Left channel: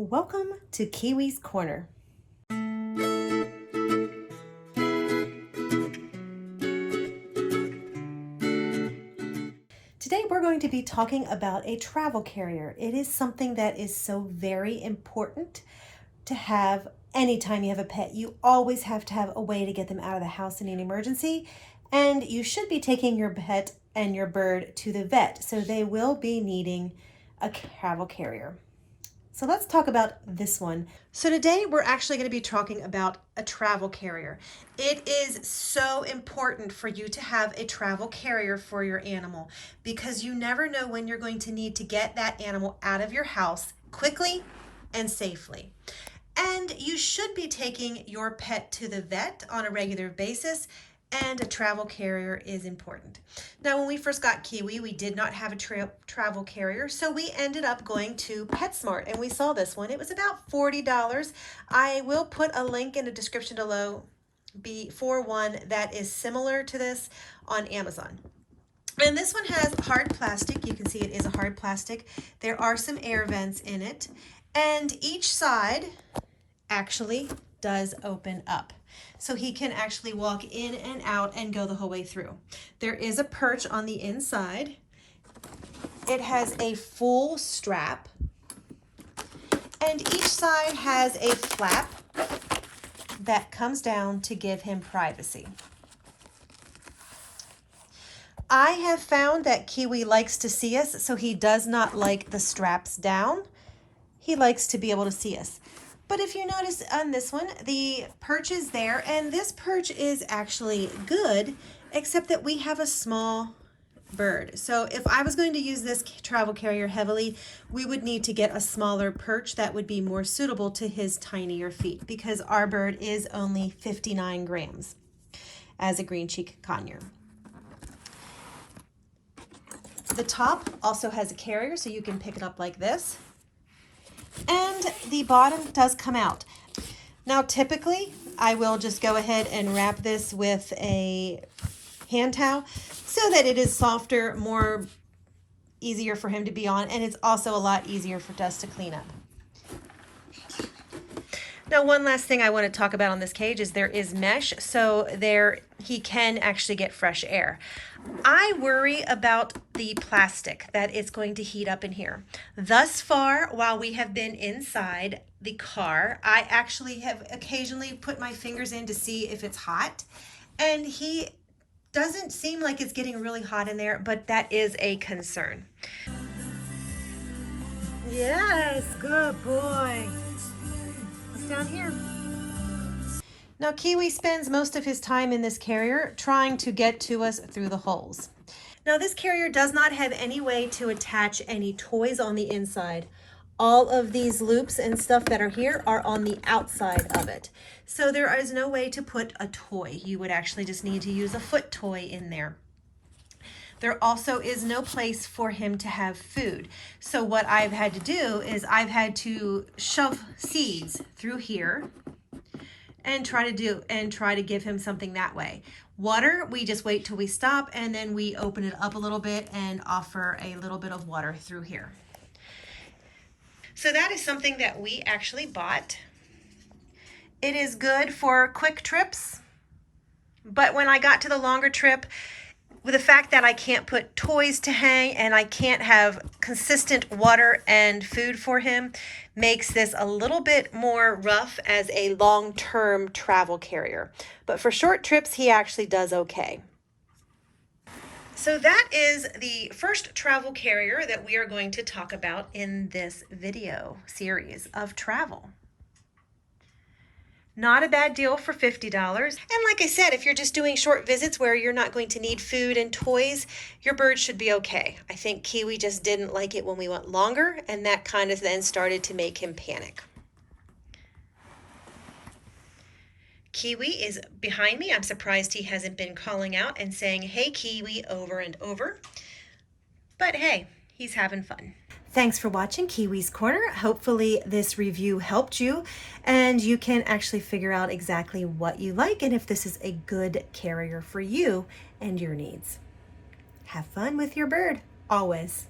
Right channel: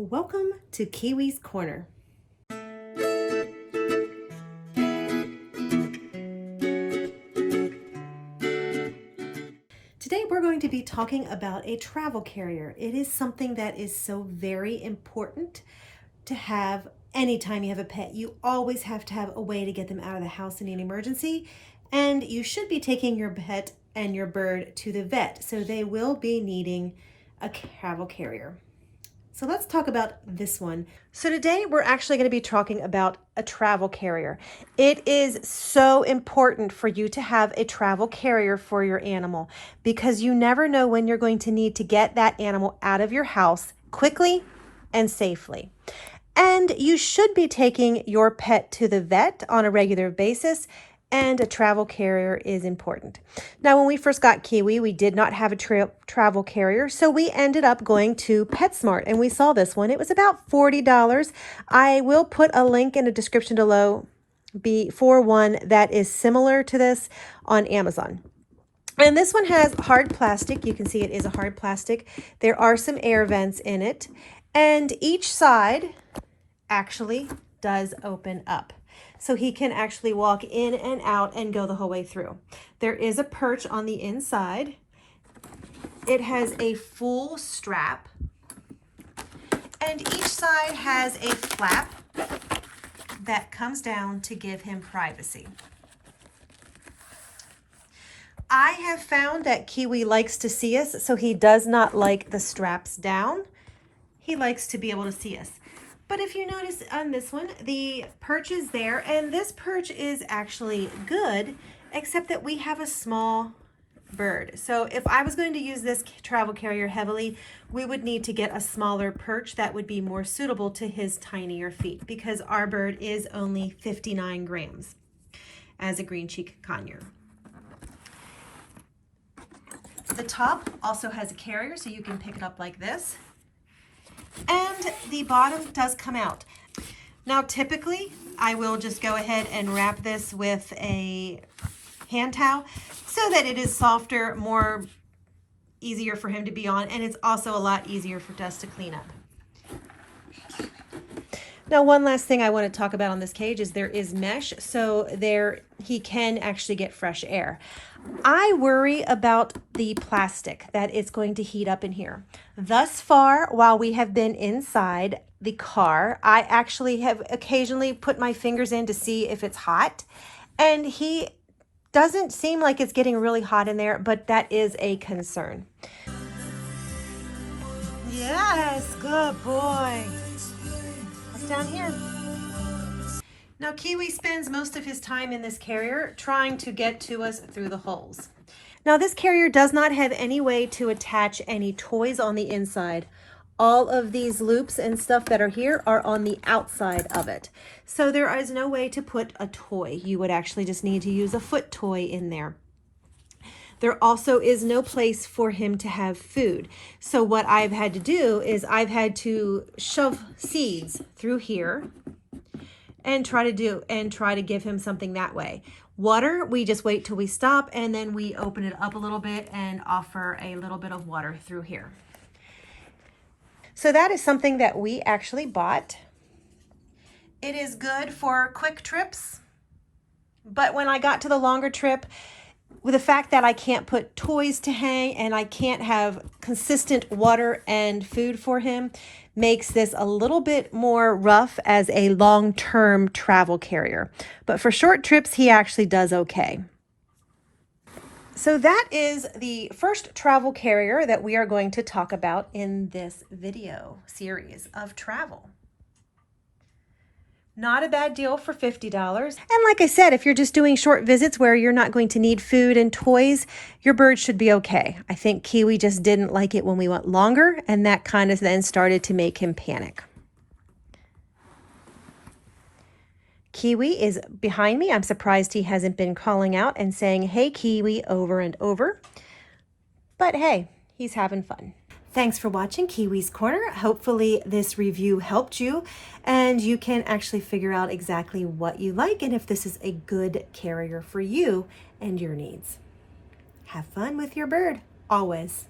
Welcome to Kiwi's Corner. Today we're going to be talking about a travel carrier. It is something that is so very important to have anytime you have a pet. You always have to have a way to get them out of the house in an emergency, and you should be taking your pet and your bird to the vet, so they will be needing a travel carrier. So let's talk about this one. So today we're actually going to be talking about a travel carrier. It is so important for you to have a travel carrier for your animal because you never know when you're going to need to get that animal out of your house quickly and safely. And you should be taking your pet to the vet on a regular basis, and a travel carrier is important. Now, when we first got Kiwi, we did not have a travel carrier, so we ended up going to PetSmart, and we saw this one. It was about $40. I will put a link in the description below for one that is similar to this on Amazon. And this one has hard plastic. You can see it is a hard plastic. There are some air vents in it, and each side actually does open up. So he can actually walk in and out and go the whole way through. There is a perch on the inside. It has a full strap. And each side has a flap that comes down to give him privacy. I have found that Kiwi likes to see us, so he does not like the straps down. He likes to be able to see us. But if you notice on this one, the perch is there, and this perch is actually good, except that we have a small bird. So if I was going to use this travel carrier heavily, we would need to get a smaller perch that would be more suitable to his tinier feet, because our bird is only 59 grams as a Green Cheek Conure. The top also has a carrier, so you can pick it up like this. And the bottom does come out. Now, typically, I will just go ahead and wrap this with a hand towel so that it is softer, more easier for him to be on, and it's also a lot easier for us to clean up. Now, one last thing I want to talk about on this cage is there is mesh, so he can actually get fresh air. I worry about the plastic that it's going to heat up in here. Thus far, while we have been inside the car, I actually have occasionally put my fingers in to see if it's hot, and he doesn't seem like it's getting really hot in there, but that is a concern. Yes, good boy. What's down here? Now, Kiwi spends most of his time in this carrier trying to get to us through the holes. Now, this carrier does not have any way to attach any toys on the inside. All of these loops and stuff that are here are on the outside of it. So there is no way to put a toy. You would actually just need to use a foot toy in there. There also is no place for him to have food. So what I've had to do is I've had to shove seeds through here and try to give him something that way. Water, we just wait till we stop, and then we open it up a little bit and offer a little bit of water through here. So that is something that we actually bought. It is good for quick trips, but when I got to the longer trip, with the fact that I can't put toys to hang and I can't have consistent water and food for him, makes this a little bit more rough as a long-term travel carrier. But for short trips, he actually does okay. So that is the first travel carrier that we are going to talk about in this video series of travel. Not a bad deal for $50. And like I said, if you're just doing short visits where you're not going to need food and toys, your bird should be okay. I think Kiwi just didn't like it when we went longer, and that kind of then started to make him panic. Kiwi is behind me. I'm surprised he hasn't been calling out and saying, "Hey, Kiwi," over and over. But hey, he's having fun. Thanks for watching Kiwi's Corner. Hopefully this review helped you and you can actually figure out exactly what you like and if this is a good carrier for you and your needs. Have fun with your bird, always.